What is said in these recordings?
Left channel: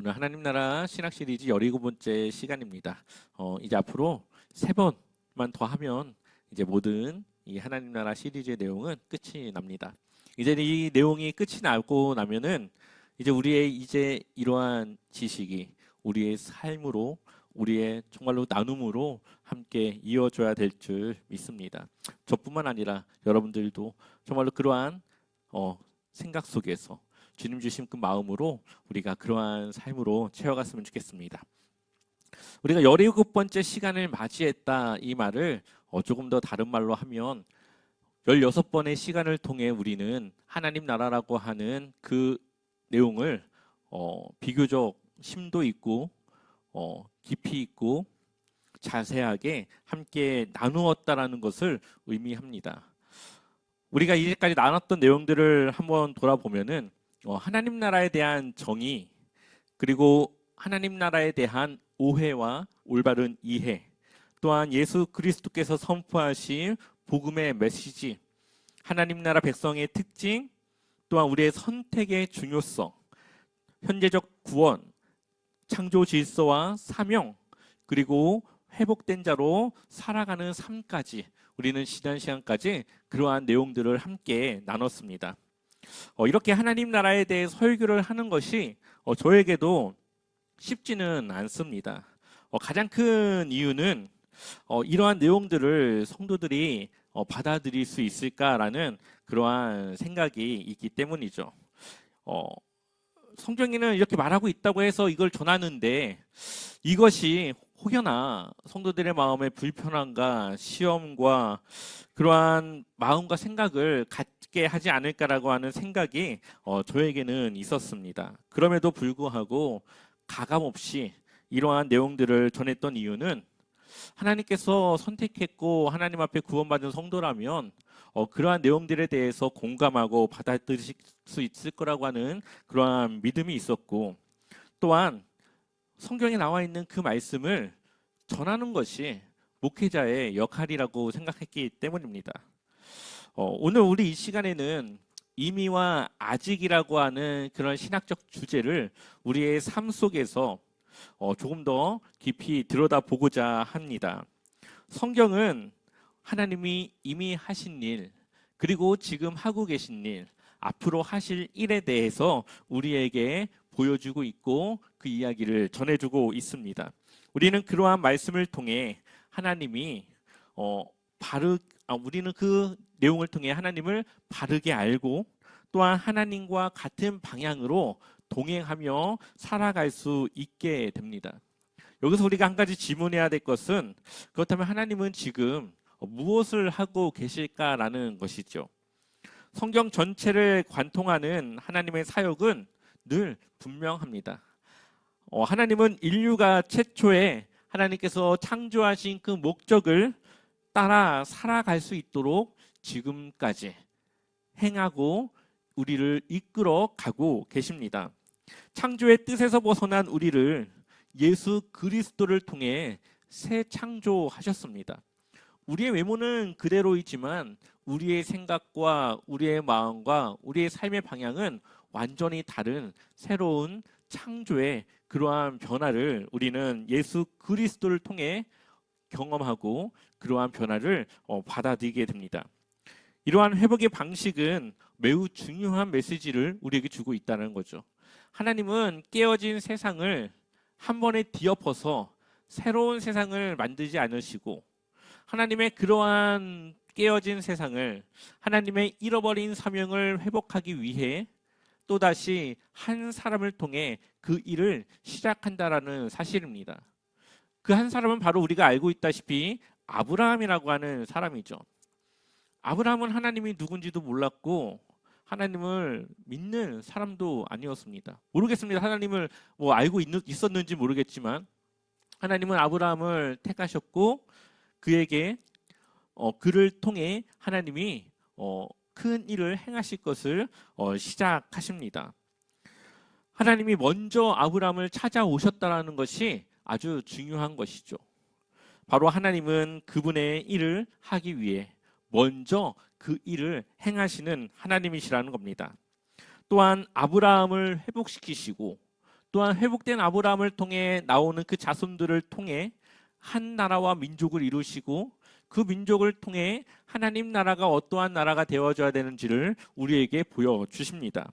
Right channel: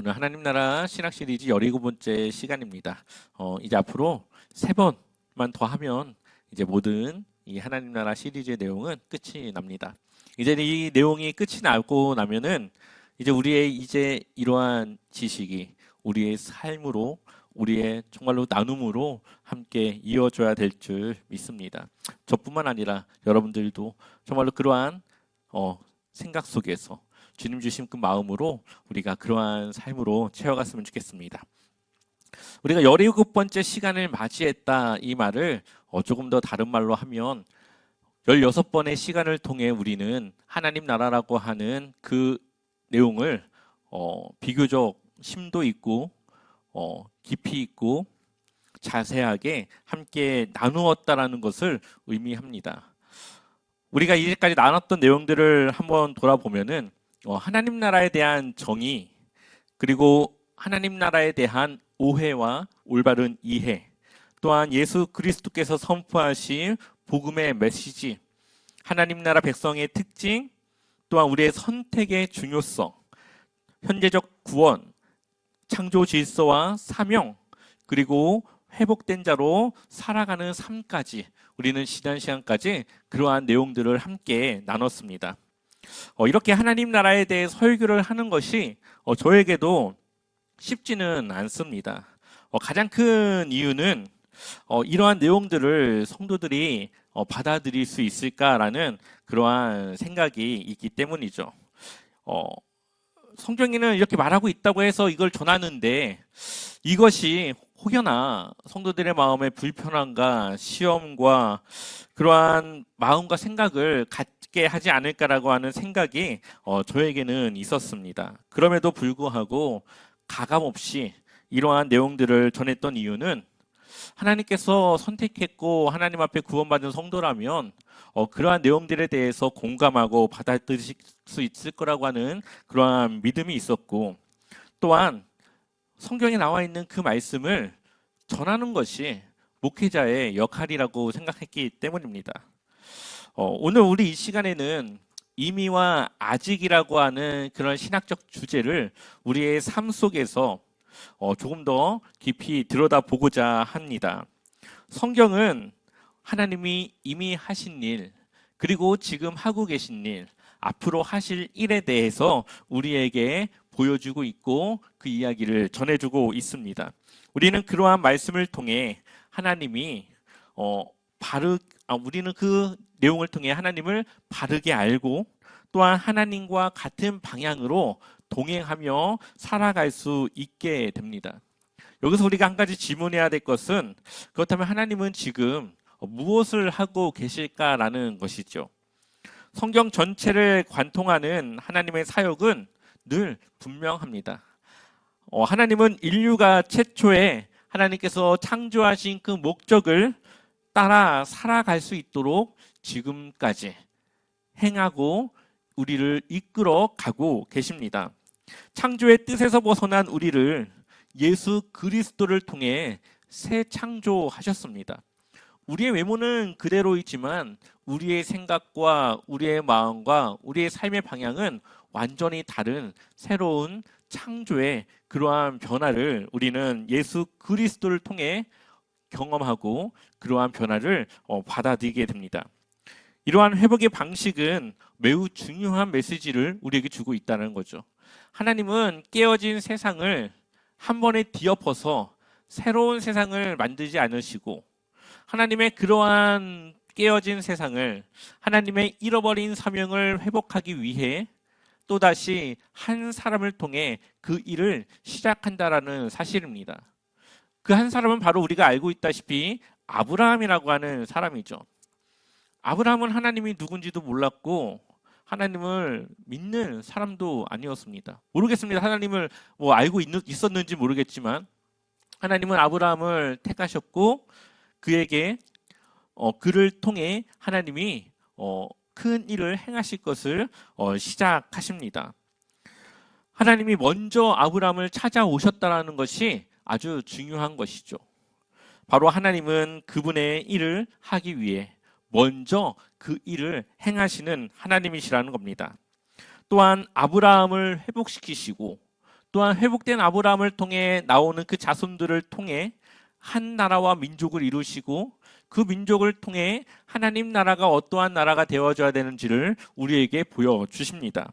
오늘 하나님 나라 신학 시리즈 17번째 시간입니다. 이제 앞으로 3번만 더 하면 이제 모든 이 하나님 나라 시리즈의 내용은 끝이 납니다. 이제 이 내용이 끝이 나고 나면은 이제 우리의 이제 이러한 지식이 우리의 삶으로 우리의 정말로 나눔으로 함께 이어져야 될 줄 믿습니다. 저뿐만 아니라 여러분들도 정말로 그러한 생각 속에서 주님 주신 그 마음으로 우리가 그러한 삶으로 채워갔으면 좋겠습니다. 우리가 17번째 시간을 맞이했다 이 말을 조금 더 다른 말로 하면 16번의 시간을 통해 우리는 하나님 나라라고 하는 그 내용을 비교적 심도 있고 깊이 있고 자세하게 함께 나누었다라는 것을 의미합니다. 우리가 이제까지 나눴던 내용들을 한번 돌아보면은 하나님 나라에 대한 정의, 그리고 하나님 나라에 대한 오해와 올바른 이해, 또한 예수 그리스도께서 선포하신 복음의 메시지, 하나님 나라 백성의 특징, 또한 우리의 선택의 중요성, 현재적 구원, 창조 질서와 사명, 그리고 회복된 자로 살아가는 삶까지 우리는 지난 시간까지 그러한 내용들을 함께 나눴습니다. 이렇게 하나님 나라에 대해 설교를 하는 것이 저에게도 쉽지는 않습니다. 가장 큰 이유는 이러한 내용들을 성도들이 받아들일 수 있을까라는 그러한 생각이 있기 때문이죠. 성경에는 이렇게 말하고 있다고 해서 이걸 전하는데 이것이 혹여나 성도들의 마음에 불편함과 시험과 그러한 마음과 생각을 갖게 하지 않을까라고 하는 생각이 저에게는 있었습니다. 그럼에도 불구하고 가감없이 이러한 내용들을 전했던 이유는 하나님께서 선택했고 하나님 앞에 구원받은 성도라면 그러한 내용들에 대해서 공감하고 받아들일 수 있을 거라고 하는 그러한 믿음이 있었고, 또한 성경에 나와 있는 그 말씀을 전하는 것이 목회자의 역할이라고 생각했기 때문입니다. 오늘 우리 이 시간에는 이미와 아직이라고 하는 그런 신학적 주제를 우리의 삶 속에서 조금 더 깊이 들여다보고자 합니다. 성경은 하나님이 이미 하신 일, 그리고 지금 하고 계신 일, 앞으로 하실 일에 대해서 우리에게 보여주고 있고 그 이야기를 전해주고 있습니다. 우리는 그러한 말씀을 통해 하나님이 우리는 그 내용을 통해 하나님을 바르게 알고 또한 하나님과 같은 방향으로 동행하며 살아갈 수 있게 됩니다. 여기서 우리가 한 가지 질문해야 될 것은, 그렇다면 하나님은 지금 무엇을 하고 계실까라는 것이죠. 성경 전체를 관통하는 하나님의 사역은 늘 분명합니다. 하나님은 인류가 최초에 하나님께서 창조하신 그 목적을 따라 살아갈 수 있도록 지금까지 행하고 우리를 이끌어 가고 계십니다. 창조의 뜻에서 벗어난 우리를 예수 그리스도를 통해 새 창조하셨습니다. 우리의 외모는 그대로이지만 우리의 생각과 우리의 마음과 우리의 삶의 방향은 완전히 다른 새로운 창조의 그러한 변화를 우리는 예수 그리스도를 통해 경험하고 그러한 변화를 받아들이게 됩니다. 이러한 회복의 방식은 매우 중요한 메시지를 우리에게 주고 있다는 거죠. 하나님은 깨어진 세상을 한 번에 뒤엎어서 새로운 세상을 만들지 않으시고, 하나님의 그러한 깨어진 세상을, 하나님의 잃어버린 사명을 회복하기 위해 또다시 한 사람을 통해 그 일을 시작한다라는 사실입니다. 그 한 사람은 바로 우리가 알고 있다시피 아브라함이라고 하는 사람이죠. 아브라함은 하나님이 누군지도 몰랐고 하나님을 믿는 사람도 아니었습니다. 모르겠습니다. 하나님을 알고 있었는지 모르겠지만 하나님은 아브라함을 택하셨고 그에게 그를 통해 하나님이 큰 일을 행하실 것을 시작하십니다. 하나님이 먼저 아브라함을 찾아오셨다는 것이 아주 중요한 것이죠. 바로 하나님은 그분의 일을 하기 위해 먼저 그 일을 행하시는 하나님이시라는 겁니다. 또한 아브라함을 회복시키시고 또한 회복된 아브라함을 통해 나오는 그 자손들을 통해 한 나라와 민족을 이루시고 그 민족을 통해 하나님 나라가 어떠한 나라가 되어져야 되는지를 우리에게 보여주십니다.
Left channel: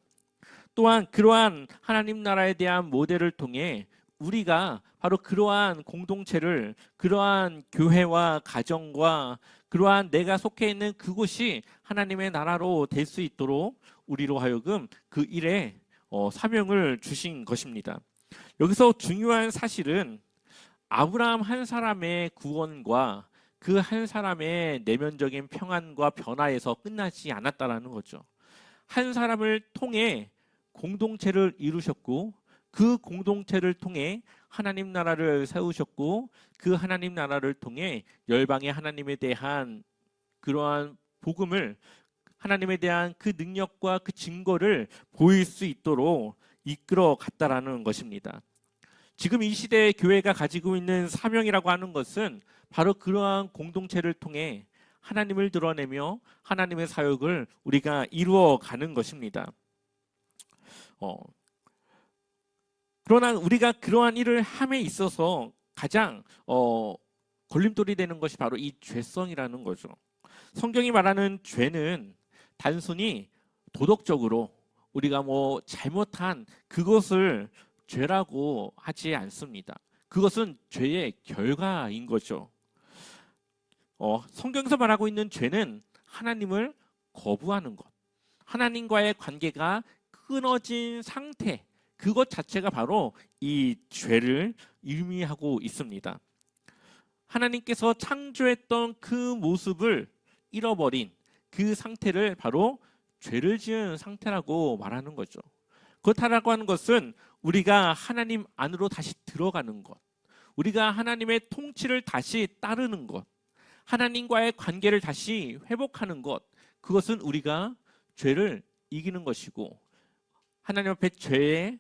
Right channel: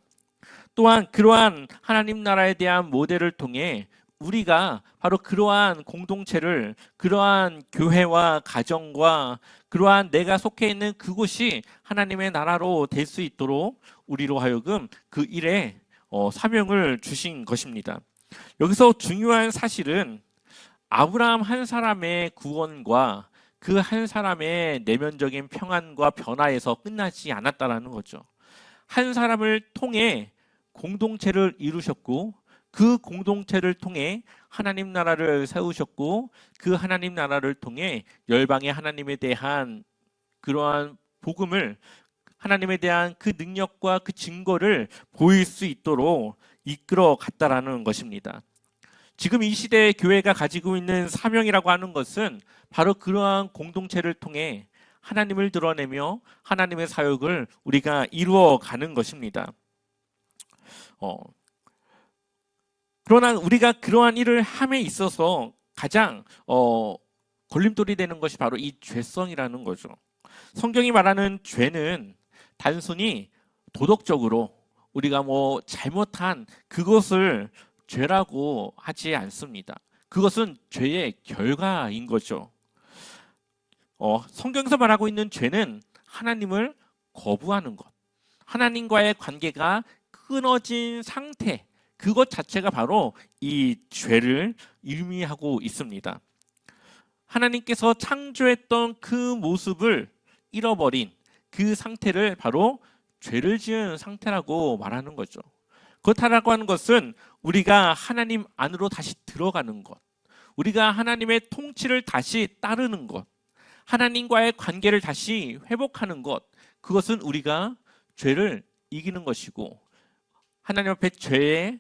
또한 그러한 하나님 나라에 대한 모델을 통해 우리가 바로 그러한 공동체를, 그러한 교회와 가정과 그러한 내가 속해 있는 그곳이 하나님의 나라로 될 수 있도록 우리로 하여금 그 일에 사명을 주신 것입니다. 여기서 중요한 사실은 아브라함 한 사람의 구원과 그 한 사람의 내면적인 평안과 변화에서 끝나지 않았다라는 거죠. 한 사람을 통해 공동체를 이루셨고 그 공동체를 통해 하나님 나라를 세우셨고 그 하나님 나라를 통해 열방의 하나님에 대한 그러한 복음을, 하나님에 대한 그 능력과 그 증거를 보일 수 있도록 이끌어 갔다라는 것입니다. 지금 이 시대의 교회가 가지고 있는 사명이라고 하는 것은 바로 그러한 공동체를 통해 하나님을 드러내며 하나님의 사역을 우리가 이루어 가는 것입니다. 그러나 우리가 그러한 일을 함에 있어서 가장 걸림돌이 되는 것이 바로 이 죄성이라는 거죠. 성경이 말하는 죄는 단순히 도덕적으로 우리가 잘못한 그것을 죄라고 하지 않습니다. 그것은 죄의 결과인 거죠. 성경에서 말하고 있는 죄는 하나님을 거부하는 것, 하나님과의 관계가 끊어진 상태, 그것 자체가 바로 이 죄를 의미하고 있습니다. 하나님께서 창조했던 그 모습을 잃어버린 그 상태를 바로 죄를 지은 상태라고 말하는 거죠. 그렇다라고 하는 것은 우리가 하나님 안으로 다시 들어가는 것, 우리가 하나님의 통치를 다시 따르는 것, 하나님과의 관계를 다시 회복하는 것, 그것은 우리가 죄를 이기는 것이고 하나님 앞에 죄의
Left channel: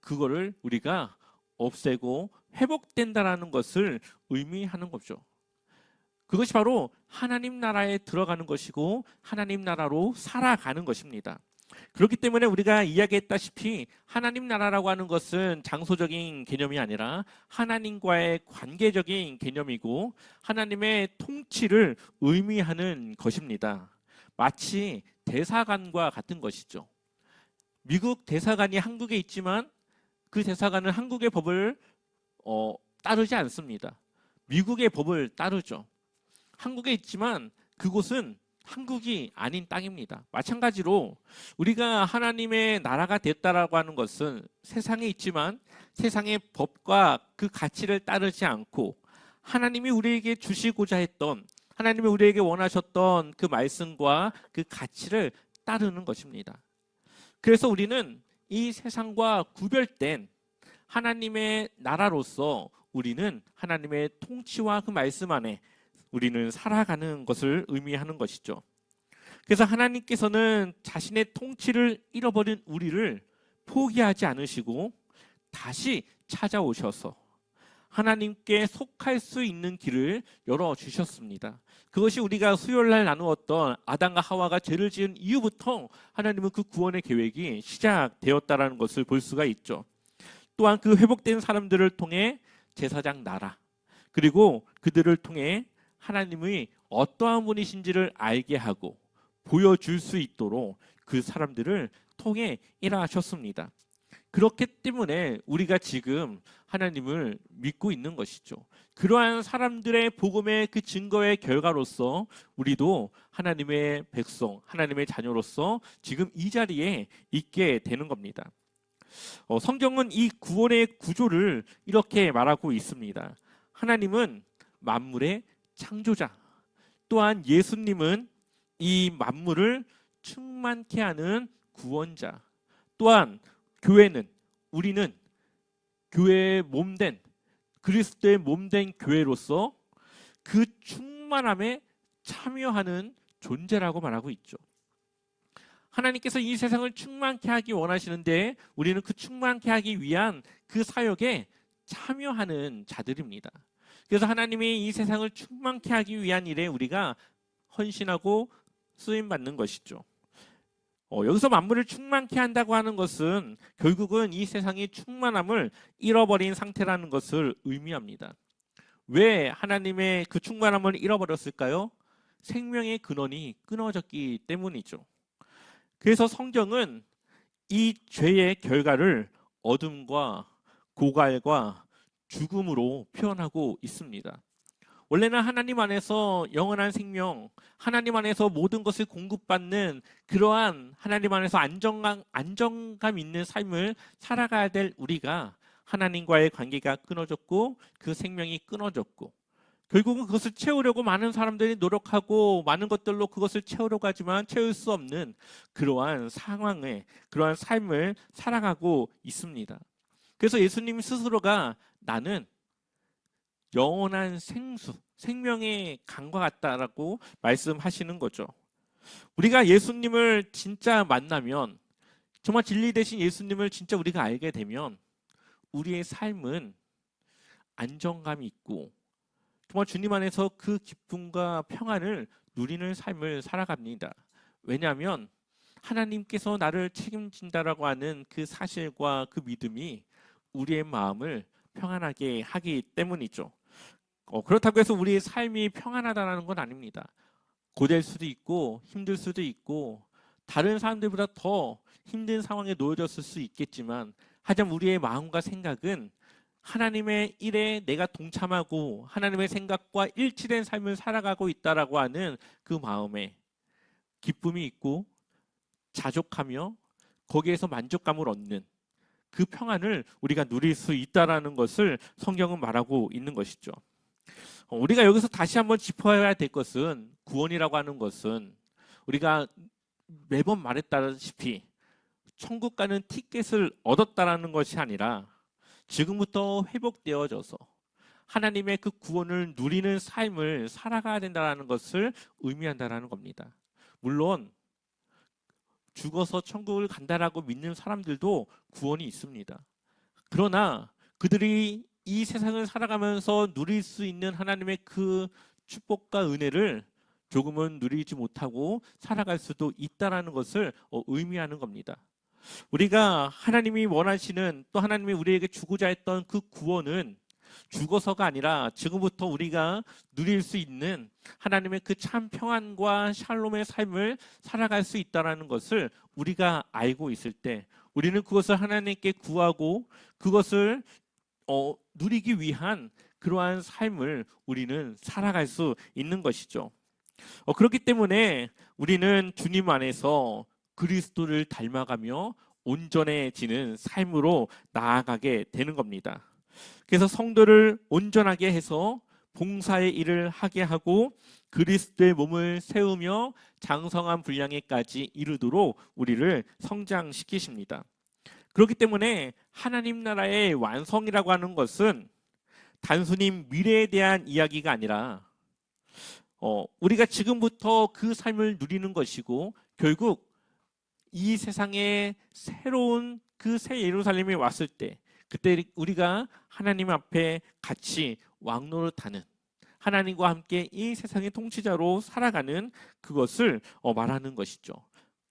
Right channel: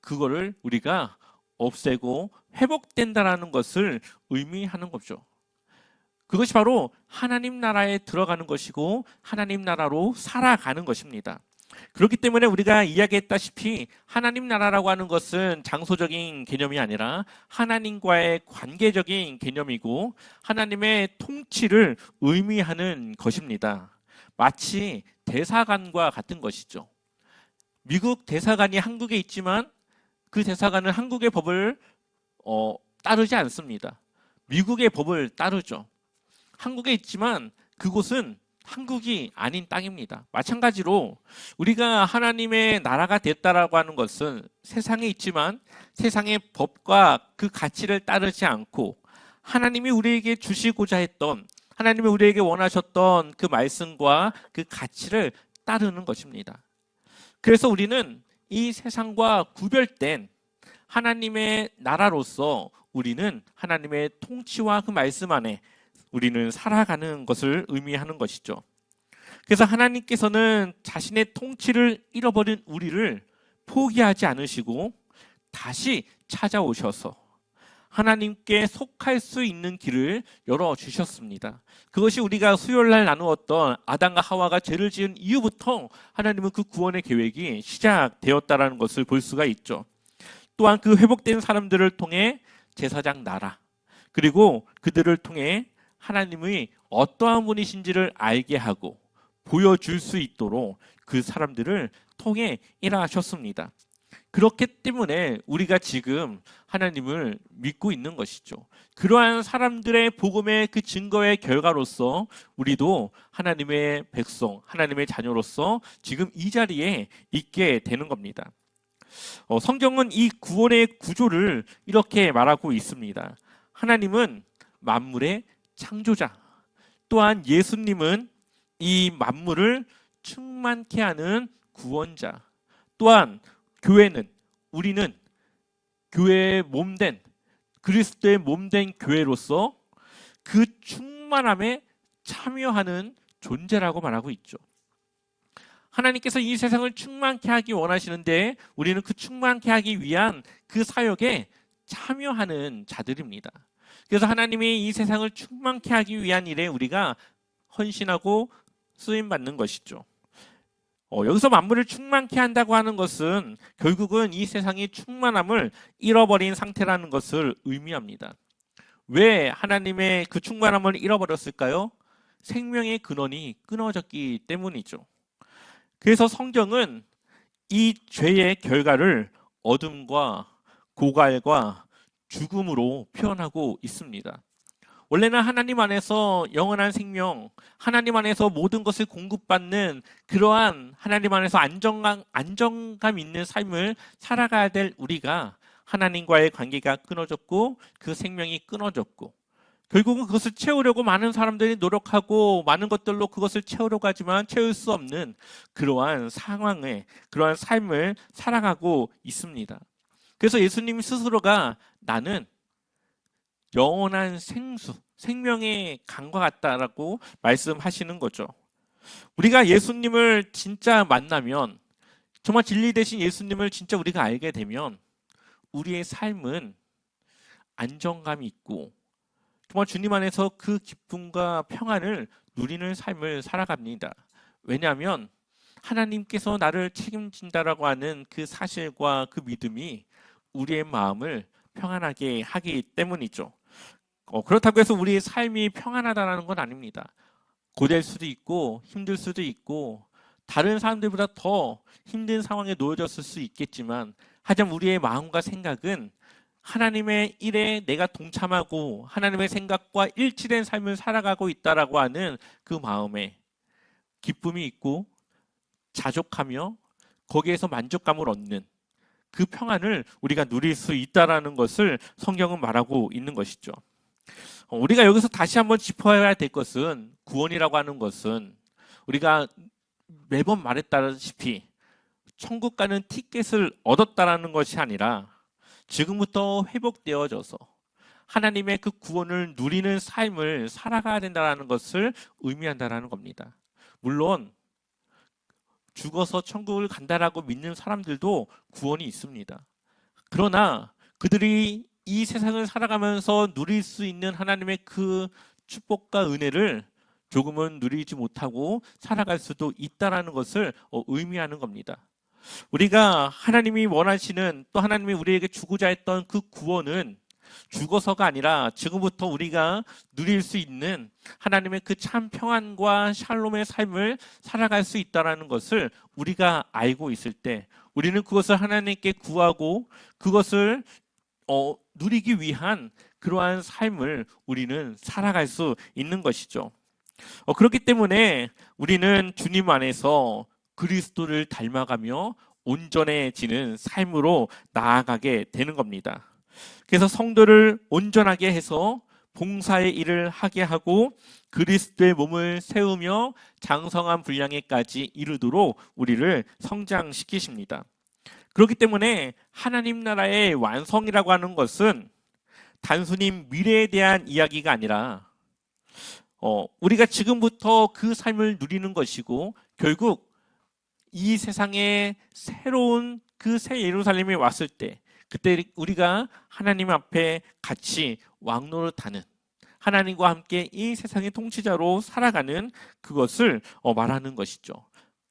그거를 우리가 없애고 회복된다라는 것을 의미하는 거죠. 그것이 바로 하나님 나라에 들어가는 것이고 하나님 나라로 살아가는 것입니다. 그렇기 때문에 우리가 이야기했다시피 하나님 나라라고 하는 것은 장소적인 개념이 아니라 하나님과의 관계적인 개념이고 하나님의 통치를 의미하는 것입니다. 마치 대사관과 같은 것이죠. 미국 대사관이 한국에 있지만 그 대사관은 한국의 법을 따르지 않습니다. 미국의 법을 따르죠. 한국에 있지만 그곳은 한국이 아닌 땅입니다. 마찬가지로 우리가 하나님의 나라가 됐다라고 하는 것은 세상에 있지만 세상의 법과 그 가치를 따르지 않고 하나님이 우리에게 주시고자 했던, 하나님이 우리에게 원하셨던 그 말씀과 그 가치를 따르는 것입니다. 그래서 우리는 이 세상과 구별된 하나님의 나라로서 우리는 하나님의 통치와 그 말씀 안에 우리는 살아가는 것을 의미하는 것이죠. 그래서 하나님께서는 자신의 통치를 잃어버린 우리를 포기하지 않으시고 다시 찾아오셔서 하나님께 속할 수 있는 길을 열어주셨습니다. 그것이 우리가 수요일날 나누었던 아담과 하와가 죄를 지은 이후부터 하나님은 그 구원의 계획이 시작되었다는 것을 볼 수가 있죠. 또한 그 회복된 사람들을 통해 제사장 나라, 그리고 그들을 통해 하나님의 어떠한 분이신지를 알게 하고 보여줄 수 있도록 그 사람들을 통해 일하셨습니다. 그렇기 때문에 우리가 지금 하나님을 믿고 있는 것이죠. 그러한 사람들의 복음의 그 증거의 결과로서 우리도 하나님의 백성, 하나님의 자녀로서 지금 이 자리에 있게 되는 겁니다. 성경은 이 구원의 구조를 이렇게 말하고 있습니다. 하나님은 만물의 창조자, 또한 예수님은 이 만물을 충만케 하는 구원자, 또한 교회는, 우리는 교회의 몸된, 그리스도의 몸된 교회로서 그 충만함에 참여하는 존재라고 말하고 있죠. 하나님께서 이 세상을 충만케 하기 원하시는데 우리는 그 충만케 하기 위한 그 사역에 참여하는 자들입니다. 그래서 하나님이 이 세상을 충만케 하기 위한 일에 우리가 헌신하고 쓰임받는 것이죠. 여기서 만물을 충만케 한다고 하는 것은 결국은 이 세상이 충만함을 잃어버린 상태라는 것을 의미합니다. 왜 하나님의 그 충만함을 잃어버렸을까요? 생명의 근원이 끊어졌기 때문이죠. 그래서 성경은 이 죄의 결과를 어둠과 고갈과 죽음으로 표현하고 있습니다. 원래는 하나님 안에서 영원한 생명, 하나님 안에서 모든 것을 공급받는 그러한 하나님 안에서 안정감 있는 삶을 살아가야 될 우리가 하나님과의 관계가 끊어졌고 그 생명이 끊어졌고 결국은 그것을 채우려고 많은 사람들이 노력하고 많은 것들로 그것을 채우려고 하지만 채울 수 없는 그러한 상황에 그러한 삶을 살아가고 있습니다. 그래서 예수님 스스로가 나는 영원한 생수, 생명의 강과 같다라고 말씀하시는 거죠. 우리가 예수님을 진짜 만나면 정말 진리 되신 예수님을 진짜 우리가 알게 되면 우리의 삶은 안정감이 있고 정말 주님 안에서 그 기쁨과 평안을 누리는 삶을 살아갑니다. 왜냐하면 하나님께서 나를 책임진다라고 하는 그 사실과 그 믿음이 우리의 마음을 평안하게 하기 때문이죠. 그렇다고 해서 우리의 삶이 평안하다는 건 아닙니다. 고될 수도 있고 힘들 수도 있고 다른 사람들보다 더 힘든 상황에 놓여졌을 수 있겠지만 하지만 우리의 마음과 생각은 하나님의 일에 내가 동참하고 하나님의 생각과 일치된 삶을 살아가고 있다라고 하는 그 마음에 기쁨이 있고 자족하며 거기에서 만족감을 얻는 그 평안을 우리가 누릴 수 있다라는 것을 성경은 말하고 있는 것이죠. 우리가 여기서 다시 한번 짚어야 될 것은 구원이라고 하는 것은 우리가 매번 말했다시피 천국 가는 티켓을 얻었다라는 것이 아니라 지금부터 회복되어져서 하나님의 그 구원을 누리는 삶을 살아가야 된다는 것을 의미한다는 겁니다. 물론 죽어서 천국을 간다라고 믿는 사람들도 구원이 있습니다. 그러나 그들이 이 세상을 살아가면서 누릴 수 있는 하나님의 그 축복과 은혜를 조금은 누리지 못하고 살아갈 수도 있다는 것을 의미하는 겁니다. 우리가 하나님이 원하시는 또 하나님이 우리에게 주고자 했던 그 구원은 죽어서가 아니라 지금부터 우리가 누릴 수 있는 하나님의 그 참 평안과 샬롬의 삶을 살아갈 수 있다는 것을 우리가 알고 있을 때 우리는 그것을 하나님께 구하고 그것을 누리기 위한 그러한 삶을 우리는 살아갈 수 있는 것이죠. 그렇기 때문에 우리는 주님 안에서 그리스도를 닮아가며 온전해지는 삶으로 나아가게 되는 겁니다. 그래서 성도를 온전하게 해서 봉사의 일을 하게 하고 그리스도의 몸을 세우며 장성한 분량에까지 이르도록 우리를 성장시키십니다. 그렇기 때문에 하나님 나라의 완성이라고 하는 것은 단순히 미래에 대한 이야기가 아니라 우리가 지금부터 그 삶을 누리는 것이고 결국 이 세상에 새로운 그 새 예루살렘이 왔을 때 그때 우리가 하나님 앞에 같이 왕노릇하는 하나님과 함께 이 세상의 통치자로 살아가는 그것을 말하는 것이죠.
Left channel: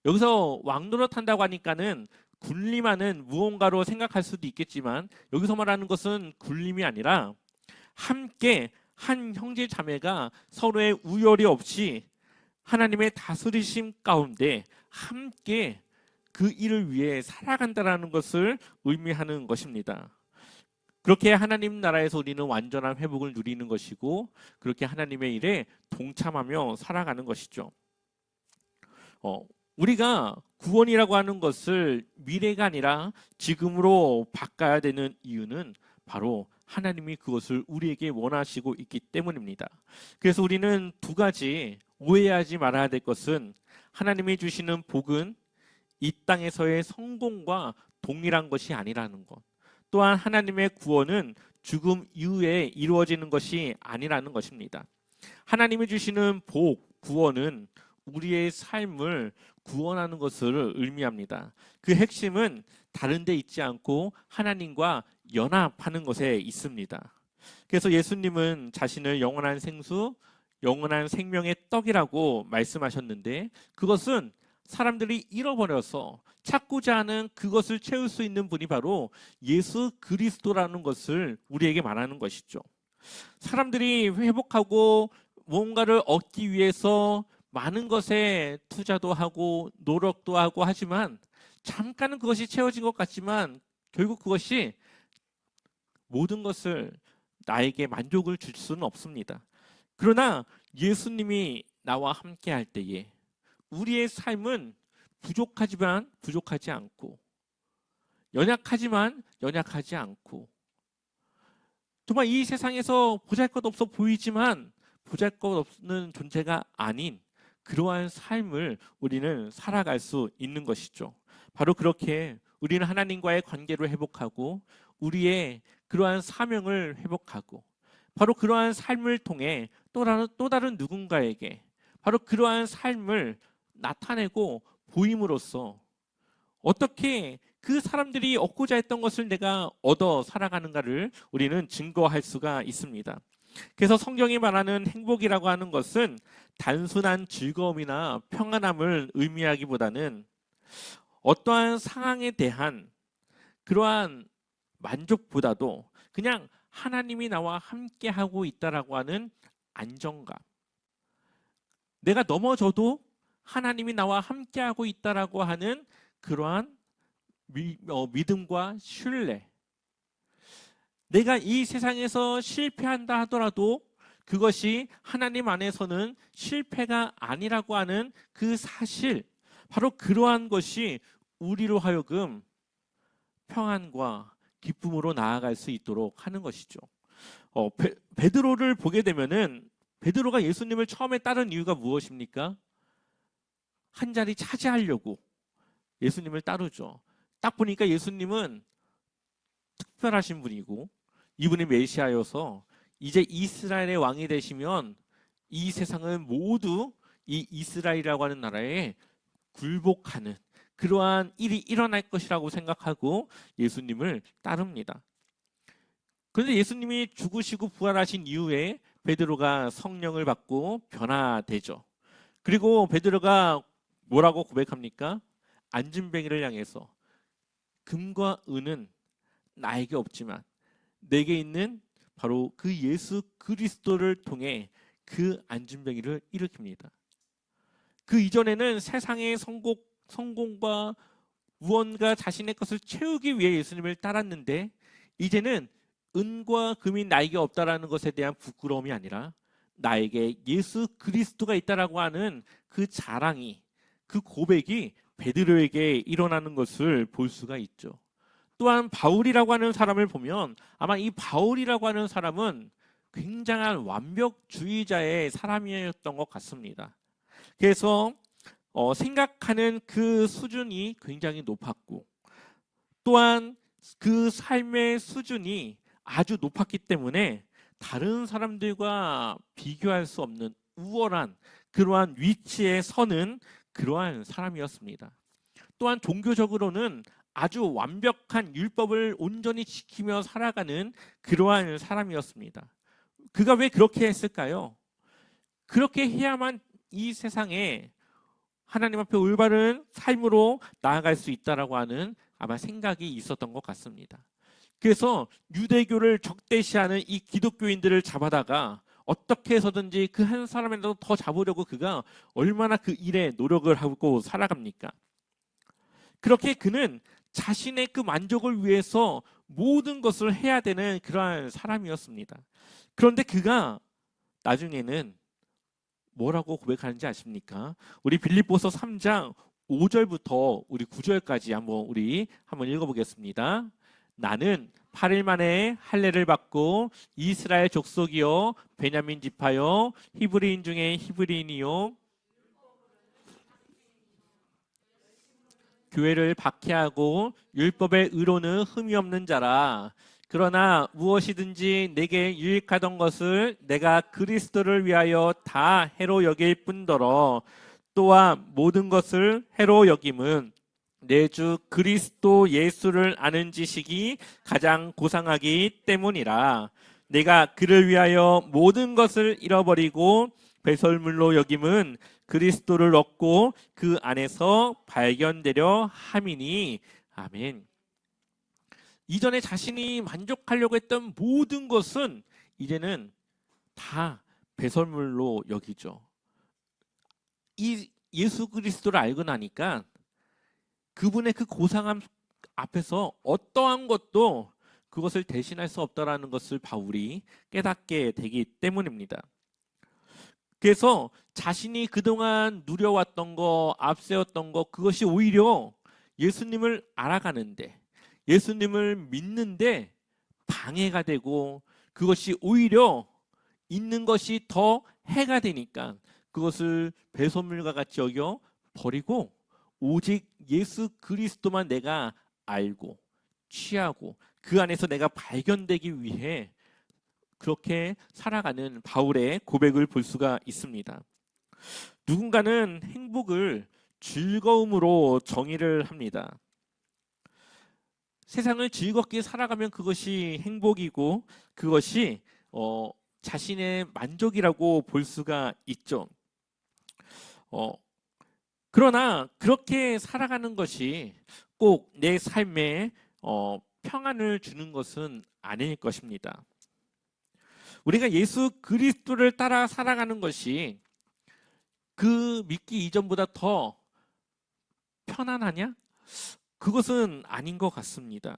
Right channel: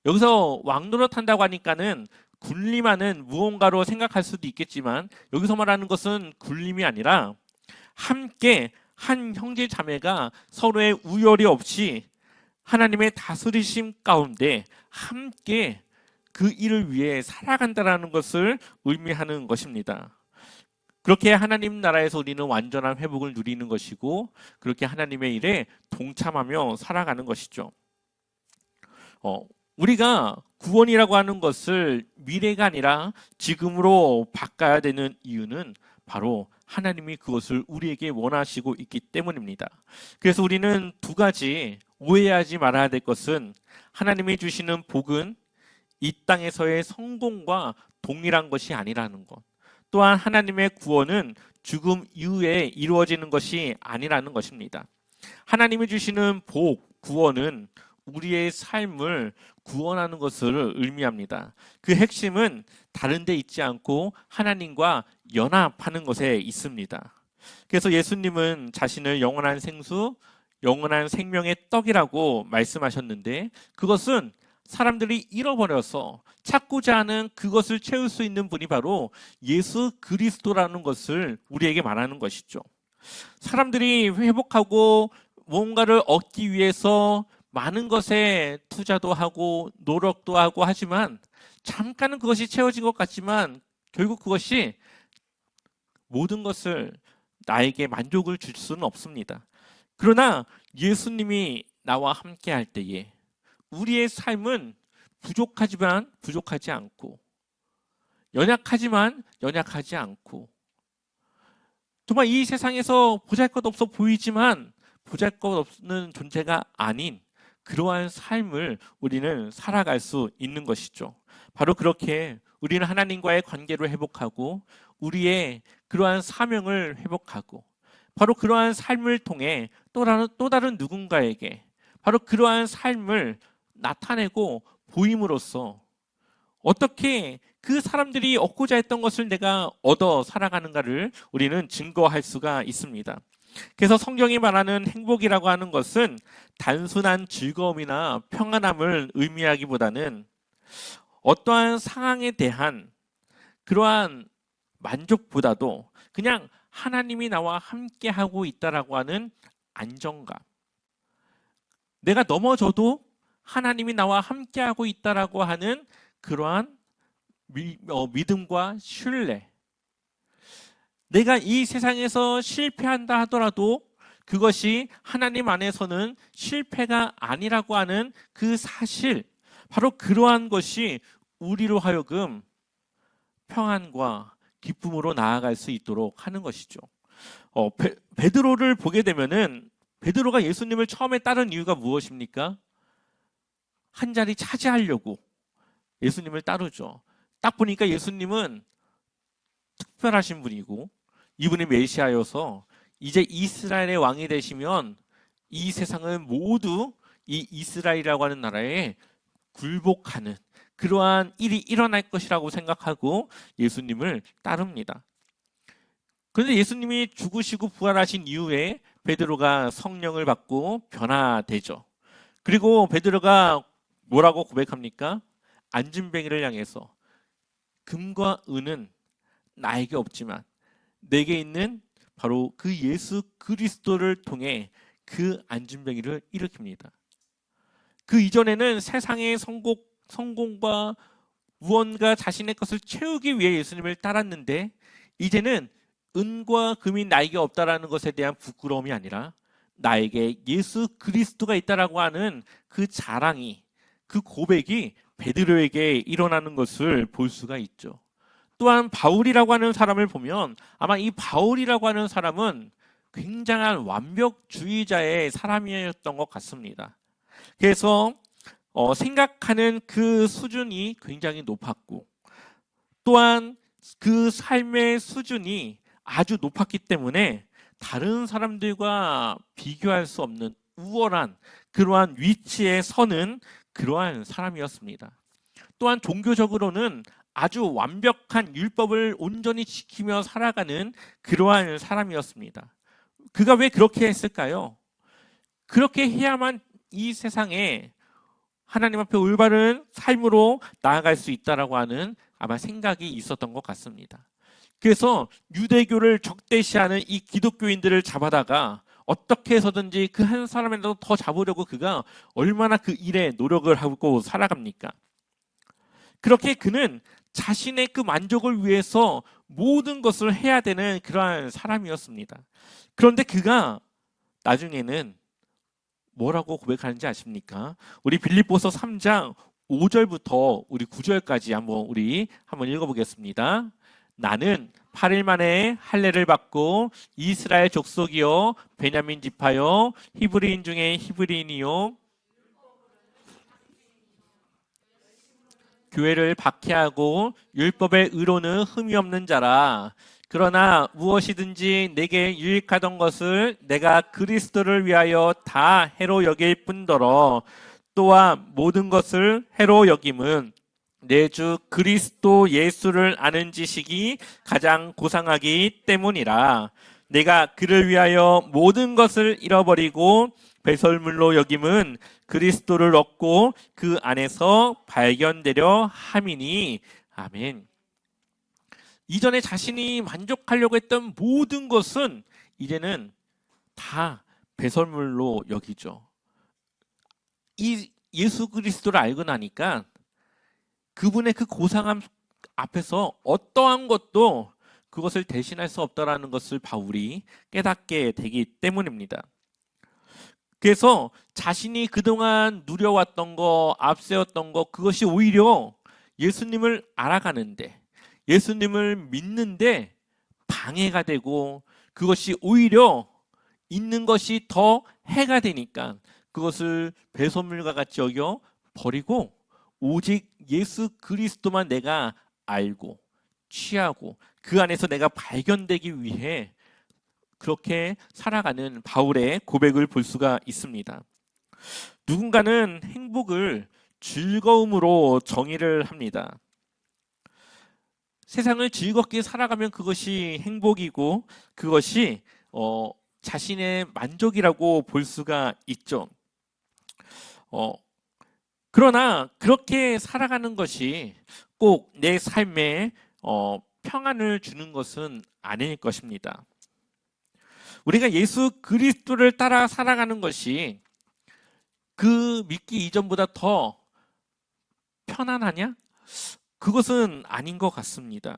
여기서 왕노릇한다고 하니까는 군림하는 무언가로 생각할 수도 있겠지만 여기서 말하는 것은 군림이 아니라 함께 한 형제 자매가 서로의 우열이 없이 하나님의 다스리심 가운데 함께 그 일을 위해 살아간다는 것을 의미하는 것입니다. 그렇게 하나님 나라에서 우리는 완전한 회복을 누리는 것이고 그렇게 하나님의 일에 동참하며 살아가는 것이죠. 우리가 구원이라고 하는 것을 미래가 아니라 지금으로 바꿔야 되는 이유는 바로 하나님이 그것을 우리에게 원하시고 있기 때문입니다. 그래서 우리는 두 가지 오해하지 말아야 될 것은 하나님이 주시는 복은 이 땅에서의 성공과 동일한 것이 아니라는 것. 또한 하나님의 구원은 죽음 이후에 이루어지는 것이 아니라는 것입니다. 하나님이 주시는 복, 구원은 우리의 삶을 구원하는 것을 의미합니다. 그 핵심은 다른 데 있지 않고 하나님과 연합하는 것에 있습니다. 그래서 예수님은 자신을 영원한 생수, 영원한 생명의 떡이라고 말씀하셨는데 그것은 사람들이 잃어버려서 찾고자 하는 그것을 채울 수 있는 분이 바로 예수 그리스도라는 것을 우리에게 말하는 것이죠. 사람들이 회복하고 뭔가를 얻기 위해서 많은 것에 투자도 하고 노력도 하고 하지만 잠깐은 그것이 채워진 것 같지만 결국 그것이 모든 것을 나에게 만족을 줄 수는 없습니다. 그러나 예수님이 나와 함께 할 때에 우리의 삶은 부족하지만 부족하지 않고 연약하지만 연약하지 않고 정말 이 세상에서 보잘것없어 보이지만 보잘것없는 존재가 아닌 그러한 삶을 우리는 살아갈 수 있는 것이죠. 바로 그렇게 우리는 하나님과의 관계를 회복하고 우리의 그러한 사명을 회복하고 바로 그러한 삶을 통해 또 다른 누군가에게 바로 그러한 삶을 나타내고 보임으로써 어떻게 그 사람들이 얻고자 했던 것을 내가 얻어 살아가는가를 우리는 증거할 수가 있습니다. 그래서 성경이 말하는 행복이라고 하는 것은 단순한 즐거움이나 평안함을 의미하기보다는 어떠한 상황에 대한 그러한 만족보다도 그냥 하나님이 나와 함께 하고 있다라고 하는 안정감. 내가 넘어져도 하나님이 나와 함께 하고 있다라고 하는 그러한 믿음과 신뢰. 내가 이 세상에서 실패한다 하더라도 그것이 하나님 안에서는 실패가 아니라고 하는 그 사실, 바로 그러한 것이 우리로 하여금 평안과 기쁨으로 나아갈 수 있도록 하는 것이죠. 베드로를 보게 되면은 베드로가 예수님을 처음에 따른 이유가 무엇입니까? 한 자리 차지하려고 예수님을 따르죠. 딱 보니까 예수님은 특별하신 분이고 이분이 메시아여서 이제 이스라엘의 왕이 되시면 이 세상은 모두 이 이스라엘이라고 하는 나라에 굴복하는 그러한 일이 일어날 것이라고 생각하고 예수님을 따릅니다. 그런데 예수님이 죽으시고 부활하신 이후에 베드로가 성령을 받고 변화되죠. 그리고 베드로가 뭐라고 고백합니까? 안진뱅이를 향해서 금과 은은 나에게 없지만 내게 있는 바로 그 예수 그리스도를 통해 그 안진뱅이를 일으킵니다. 그 이전에는 세상의 성공과 무언가 자신의 것을 채우기 위해 예수님을 따랐는데 이제는 은과 금이 나에게 없다라는 것에 대한 부끄러움이 아니라 나에게 예수 그리스도가 있다라고 하는 그 자랑이, 그 고백이 베드로에게 일어나는 것을 볼 수가 있죠. 또한 바울이라고 하는 사람을 보면 아마 이 바울이라고 하는 사람은 굉장한 완벽주의자의 사람이었던 것 같습니다. 그래서 생각하는 그 수준이 굉장히 높았고 또한 그 삶의 수준이 아주 높았기 때문에 다른 사람들과 비교할 수 없는 우월한 그러한 위치에 서는 그러한 사람이었습니다. 또한 종교적으로는 아주 완벽한 율법을 온전히 지키며 살아가는 그러한 사람이었습니다. 그가 왜 그렇게 했을까요? 그렇게 해야만 이 세상에 하나님 앞에 올바른 삶으로 나아갈 수 있다라고 하는 아마 생각이 있었던 것 같습니다. 그래서 유대교를 적대시하는 이 기독교인들을 잡아다가 어떻게 해서든지 그 한 사람이라도 더 잡으려고 그가 얼마나 그 일에 노력을 하고 살아갑니까? 그렇게 그는 자신의 그 만족을 위해서 모든 것을 해야 되는 그러한 사람이었습니다. 그런데 그가 나중에는 뭐라고 고백하는지 아십니까? 우리 빌립보서 3장 5절부터 우리 9절까지 한번 읽어보겠습니다. 나는 8일 만에 할례를 받고 이스라엘 족속이요 베냐민 지파요 히브리인 중에 히브리인이요 교회를 박해하고 율법의 의로는 흠이 없는 자라. 그러나 무엇이든지 내게 유익하던 것을 내가 그리스도를 위하여 다 해로 여길 뿐더러 또한 모든 것을 해로 여김은 내 주 그리스도 예수를 아는 지식이 가장 고상하기 때문이라. 내가 그를 위하여 모든 것을 잃어버리고 배설물로 여김은 그리스도를 얻고 그 안에서 발견되려 함이니. 아멘. 이전에 자신이 만족하려고 했던 모든 것은 이제는 다 배설물로 여기죠. 이 예수 그리스도를 알고 나니까 그분의 그 고상함 앞에서 어떠한 것도 그것을 대신할 수 없다라는 것을 바울이 깨닫게 되기 때문입니다. 그래서 자신이 그동안 누려왔던 거, 앞세웠던 거, 그것이 오히려 예수님을 알아가는데, 예수님을 믿는데 방해가 되고, 그것이 오히려 있는 것이 더 해가 되니까 그것을 배설물과 같이 여겨 버리고 오직 예수 그리스도만 내가 알고 취하고 그 안에서 내가 발견되기 위해 그렇게 살아가는 바울의 고백을 볼 수가 있습니다. 누군가는 행복을 즐거움으로 정의를 합니다. 세상을 즐겁게 살아가면 그것이 행복이고 그것이 자신의 만족이라고 볼 수가 있죠. 그러나 그렇게 살아가는 것이 꼭 내 삶에 평안을 주는 것은 아닐 것입니다. 우리가 예수 그리스도를 따라 살아가는 것이 그 믿기 이전보다 더 편안하냐? 그것은 아닌 것 같습니다.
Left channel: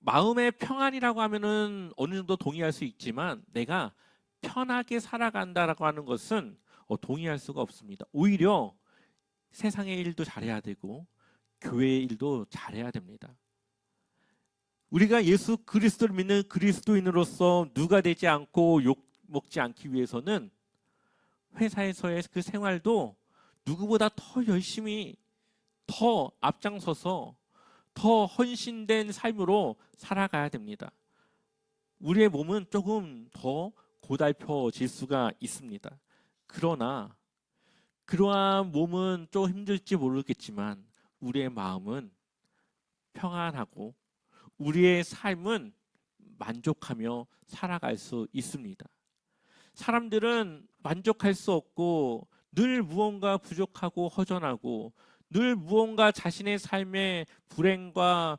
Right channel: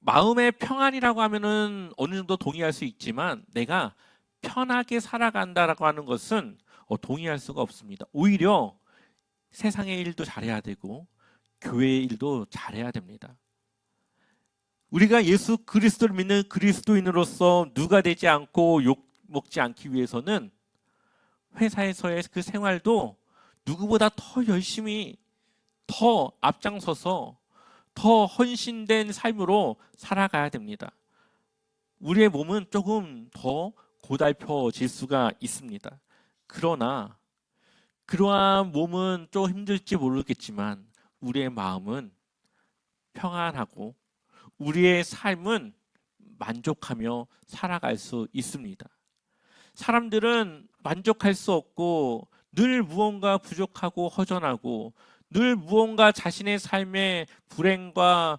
마음의 평안이라고 하면은 어느 정도 동의할 수 있지만 내가 편하게 살아간다라고 하는 것은 동의할 수가 없습니다. 오히려 세상의 일도 잘해야 되고 교회의 일도 잘해야 됩니다. 우리가 예수 그리스도를 믿는 그리스도인으로서 누가 되지 않고 욕먹지 않기 위해서는 회사에서의 그 생활도 누구보다 더 열심히 더 앞장서서 더 헌신된 삶으로 살아가야 됩니다. 우리의 몸은 조금 더 고달퍼질 수가 있습니다. 그러나 그러한 몸은 좀 힘들지 모르겠지만 우리의 마음은 평안하고 우리의 삶은 만족하며 살아갈 수 있습니다. 사람들은 만족할 수 없고 늘 무언가 부족하고 허전하고 늘 무언가 자신의 삶의 불행과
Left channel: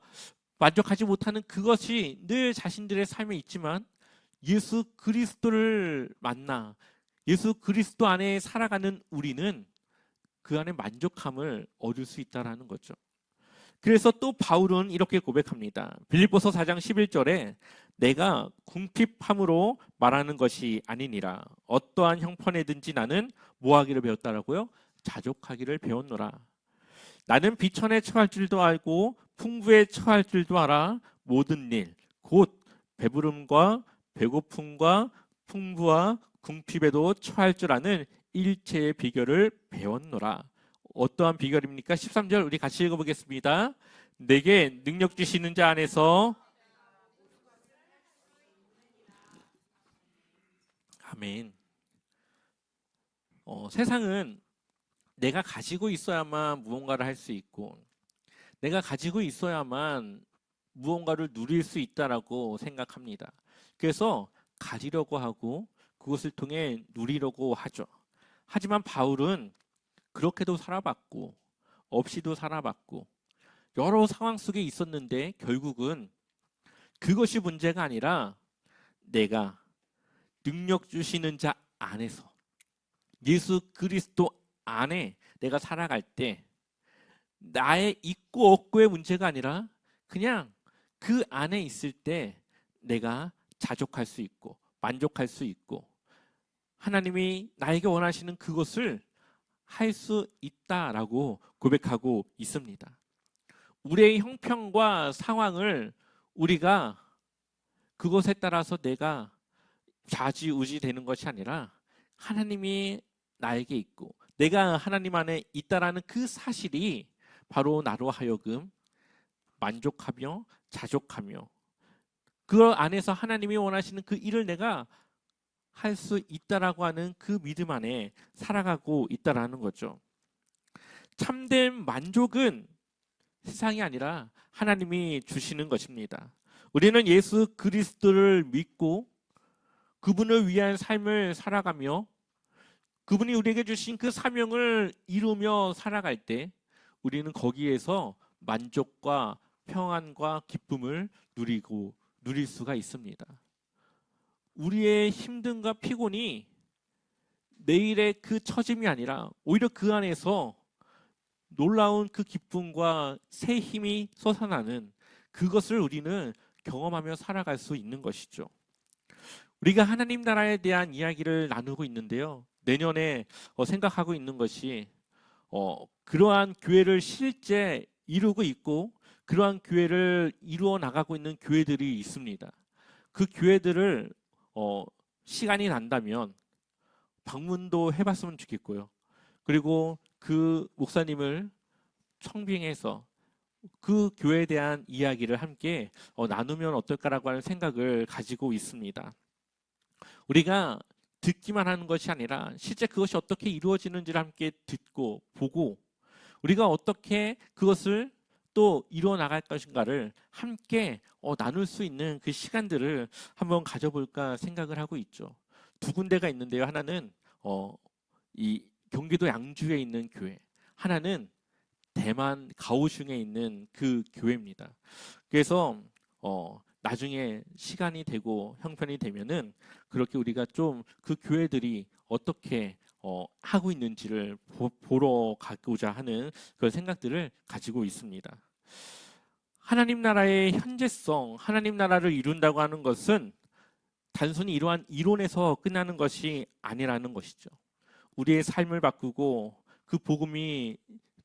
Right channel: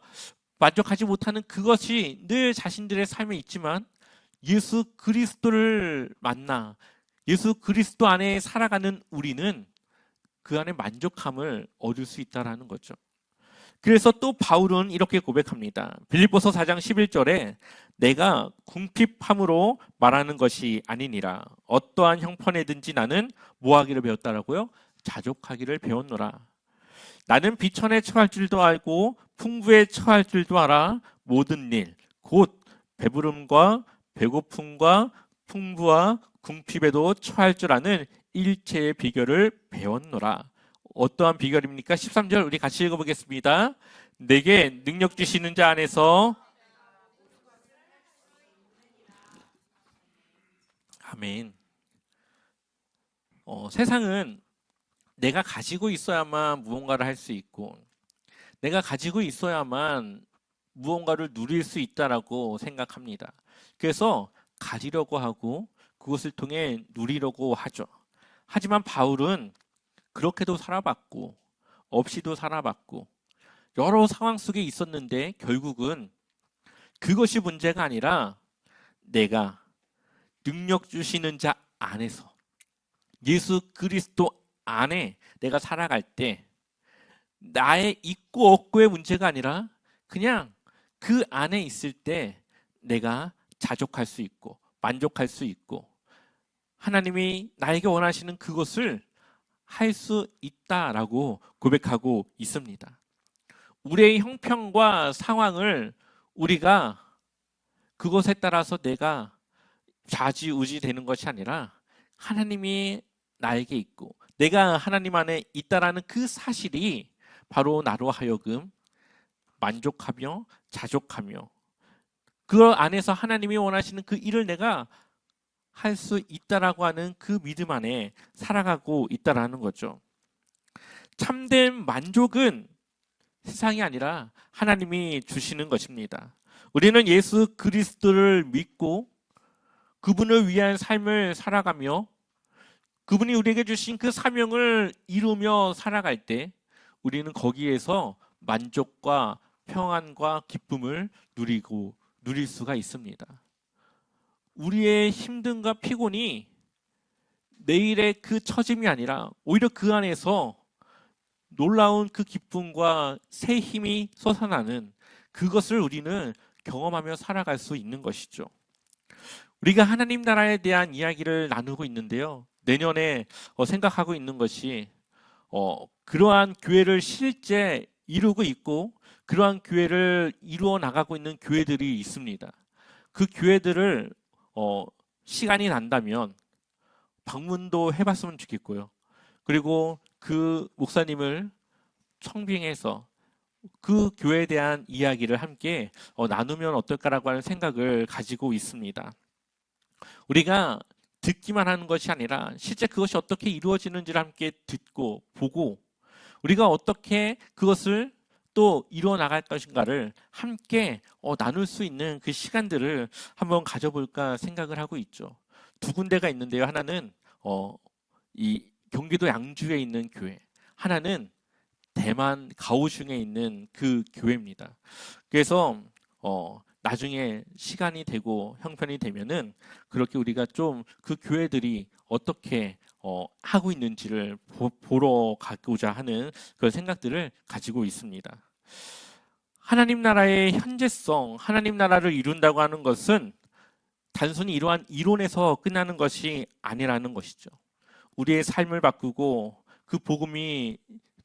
만족하지 못하는 그것이 늘 자신들의 삶에 있지만 예수 그리스도를 만나 예수 그리스도 안에 살아가는 우리는 그 안에 만족함을 얻을 수 있다는 거죠. 그래서 또 바울은 이렇게 고백합니다. 빌립보서 4장 11절에 내가 궁핍함으로 말하는 것이 아니니라. 어떠한 형편에든지 나는 뭐하기를 배웠다라고요? 자족하기를 배웠노라. 나는 비천에 처할 줄도 알고 풍부에 처할 줄도 알아. 모든 일, 곧 배부름과 배고픔과 풍부와 궁핍에도 처할 줄 아는 일체의 비결을 배웠노라. 어떠한 비결입니까? 13절 우리 같이 읽어보겠습니다. 내게 능력 주시는 자 안에서 아멘. 세상은 내가 가지고 있어야만 무언가를 할 수 있고 내가 가지고 있어야만 무언가를 누릴 수 있다라고 생각합니다. 그래서 가지려고 하고 그것을 통해 누리려고 하죠. 하지만 바울은 그렇게도 살아봤고 없이도 살아봤고 여러 상황 속에 있었는데 결국은 그것이 문제가 아니라 내가 능력 주시는 자 안에서 예수 그리스도 안에 내가 살아갈 때 나의 있고 없고의 문제가 아니라 그냥 그 안에 있을 때 내가 자족할 수 있고 만족할 수 있고 하나님이 나에게 원하시는 그것을 할 수 있다라고 고백하고 있습니다. 우리의 형편과 상황을 우리가 그것에 따라서 내가 좌지우지 되는 것이 아니라 하나님이 나에게 있고 내가 하나님 안에 있다라는 그 사실이 바로 나로 하여금 만족하며 자족하며 그 안에서 하나님이 원하시는 그 일을 내가 할 수 있다라고 하는 그 믿음 안에 살아가고 있다라는 거죠. 참된 만족은 세상이 아니라 하나님이 주시는 것입니다. 우리는 예수 그리스도를 믿고 그분을 위한 삶을 살아가며 그분이 우리에게 주신 그 사명을 이루며 살아갈 때 우리는 거기에서 만족과 평안과 기쁨을 누릴 수가 있습니다. 우리의 힘듦과 피곤이 내일의 그 처짐이 아니라 오히려 그 안에서 놀라운 그 기쁨과 새 힘이 솟아나는 그것을 우리는 경험하며 살아갈 수 있는 것이죠. 우리가 하나님 나라에 대한 이야기를 나누고 있는데요. 내년에 생각하고 있는 것이 그러한 교회를 실제 이루고 있고 그러한 교회를 이루어 나가고 있는 교회들이 있습니다. 그 교회들을 시간이 난다면 방문도 해봤으면 좋겠고요. 그리고 그 목사님을 청빙해서 그 교회에 대한 이야기를 함께 나누면 어떨까라고 하는 생각을 가지고 있습니다. 우리가 듣기만 하는 것이 아니라 실제 그것이 어떻게 이루어지는지를 함께 듣고 보고 우리가 어떻게 그것을 또 이루어 나갈 것인가를 함께 나눌 수 있는 그 시간들을 한번 가져볼까 생각을 하고 있죠. 두 군데가 있는데요. 하나는 이 경기도 양주에 있는 교회, 하나는 대만 가오슝에 있는 그 교회입니다. 그래서 나중에 시간이 되고 형편이 되면은 그렇게 우리가 좀 그 교회들이 어떻게 하고 있는지를 보러 가고자 하는 그런 생각들을 가지고 있습니다. 하나님 나라의 현재성, 하나님 나라를 이룬다고 하는 것은 단순히 이러한 이론에서 끝나는 것이 아니라는 것이죠. 우리의 삶을 바꾸고 그 복음이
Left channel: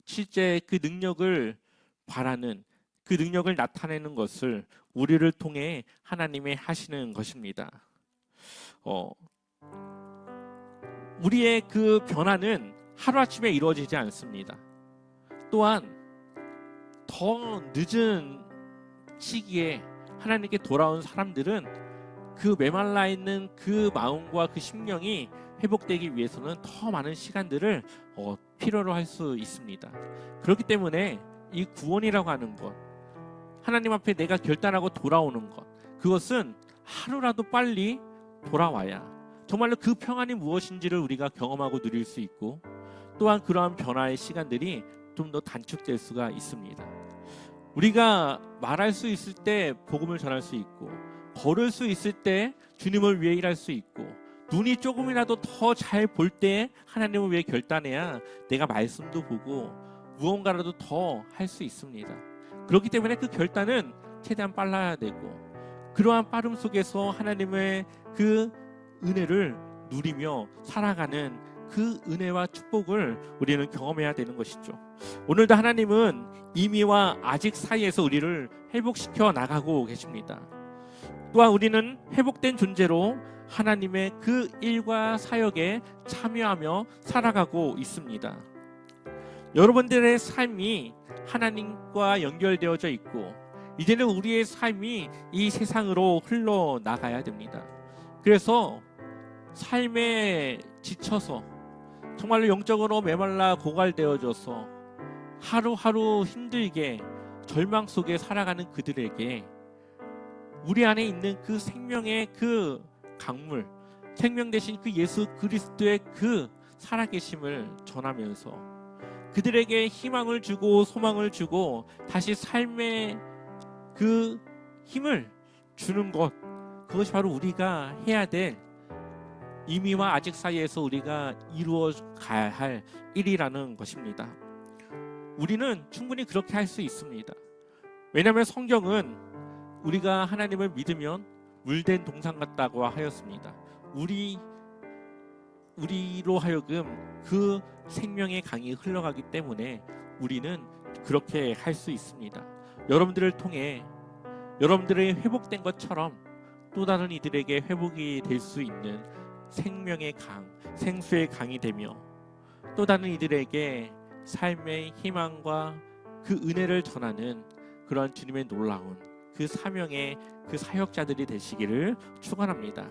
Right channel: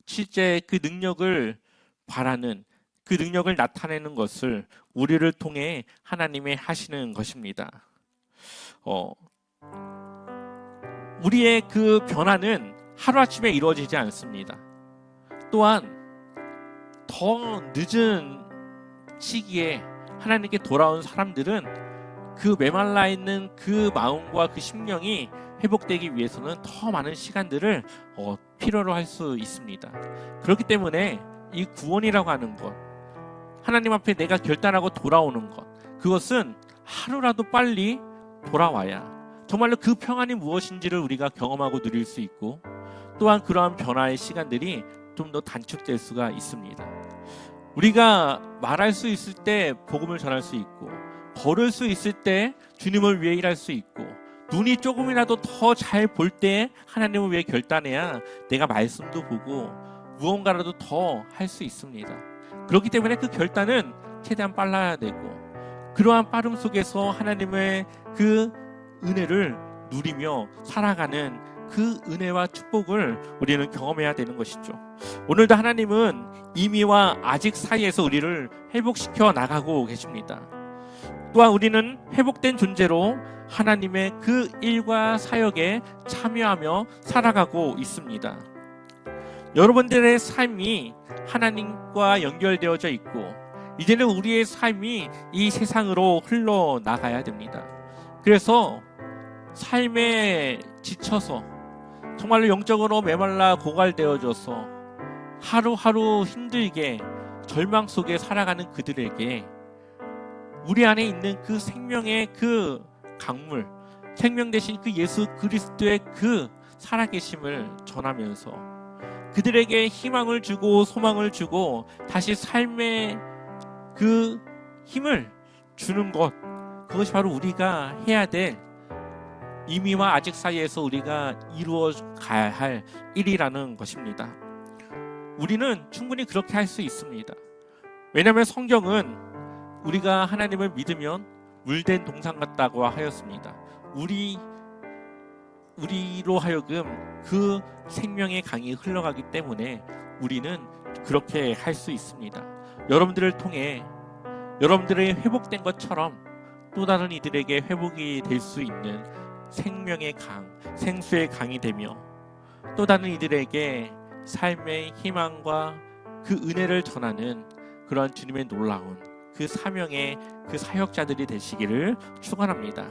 실제 그 능력을 바라는 그 능력을 나타내는 것을 우리를 통해 하나님이 하시는 것입니다. 우리의 그 변화는 하루아침에 이루어지지 않습니다. 또한 더 늦은 시기에 하나님께 돌아온 사람들은 그 메말라 있는 그 마음과 그 심령이 회복되기 위해서는 더 많은 시간들을 필요로 할 수 있습니다. 그렇기 때문에 이 구원이라고 하는 것, 하나님 앞에 내가 결단하고 돌아오는 것, 그것은 하루라도 빨리 돌아와야 정말로 그 평안이 무엇인지를 우리가 경험하고 누릴 수 있고 또한 그러한 변화의 시간들이 좀 더 단축될 수가 있습니다. 우리가 말할 수 있을 때 복음을 전할 수 있고 걸을 수 있을 때 주님을 위해 일할 수 있고 눈이 조금이라도 더 잘 볼 때 하나님을 위해 결단해야 내가 말씀도 보고 무언가라도 더 할 수 있습니다. 그렇기 때문에 그 결단은 최대한 빨라야 되고 그러한 빠름 속에서 하나님의 그 은혜를 누리며 살아가는 그 은혜와 축복을 우리는 경험해야 되는 것이죠. 오늘도 하나님은 이미와 아직 사이에서 우리를 회복시켜 나가고 계십니다. 또한 우리는 회복된 존재로 하나님의 그 일과 사역에 참여하며 살아가고 있습니다. 여러분들의 삶이 하나님과 연결되어져 있고 이제는 우리의 삶이 이 세상으로 흘러나가야 됩니다. 그래서 삶에 지쳐서 정말로 영적으로 메말라 고갈되어져서 하루하루 힘들게 절망 속에 살아가는 그들에게 우리 안에 있는 그 생명의 그 강물, 생명 대신 그 예수 그리스도의 그 살아계심을 전하면서 그들에게 희망을 주고 소망을 주고 다시 삶의 그 힘을 주는 것, 그것이 바로 우리가 해야 될 이미와 아직 사이에서 우리가 이루어 가야 할 일이라는 것입니다. 우리는 충분히 그렇게 할 수 있습니다. 왜냐하면 성경은 우리가 하나님을 믿으면 물된 동산 같다고 하였습니다. 우리로 하여금 그 생명의 강이 흘러가기 때문에 우리는 그렇게 할 수 있습니다. 여러분들을 통해 여러분들의 회복된 것처럼 또 다른 이들에게 회복이 될 수 있는 생명의 강, 생수의 강이 되며 또 다른 이들에게 삶의 희망과 그 은혜를 전하는 그런 주님의 놀라운 그 사명의 그 사역자들이 되시기를 축원합니다.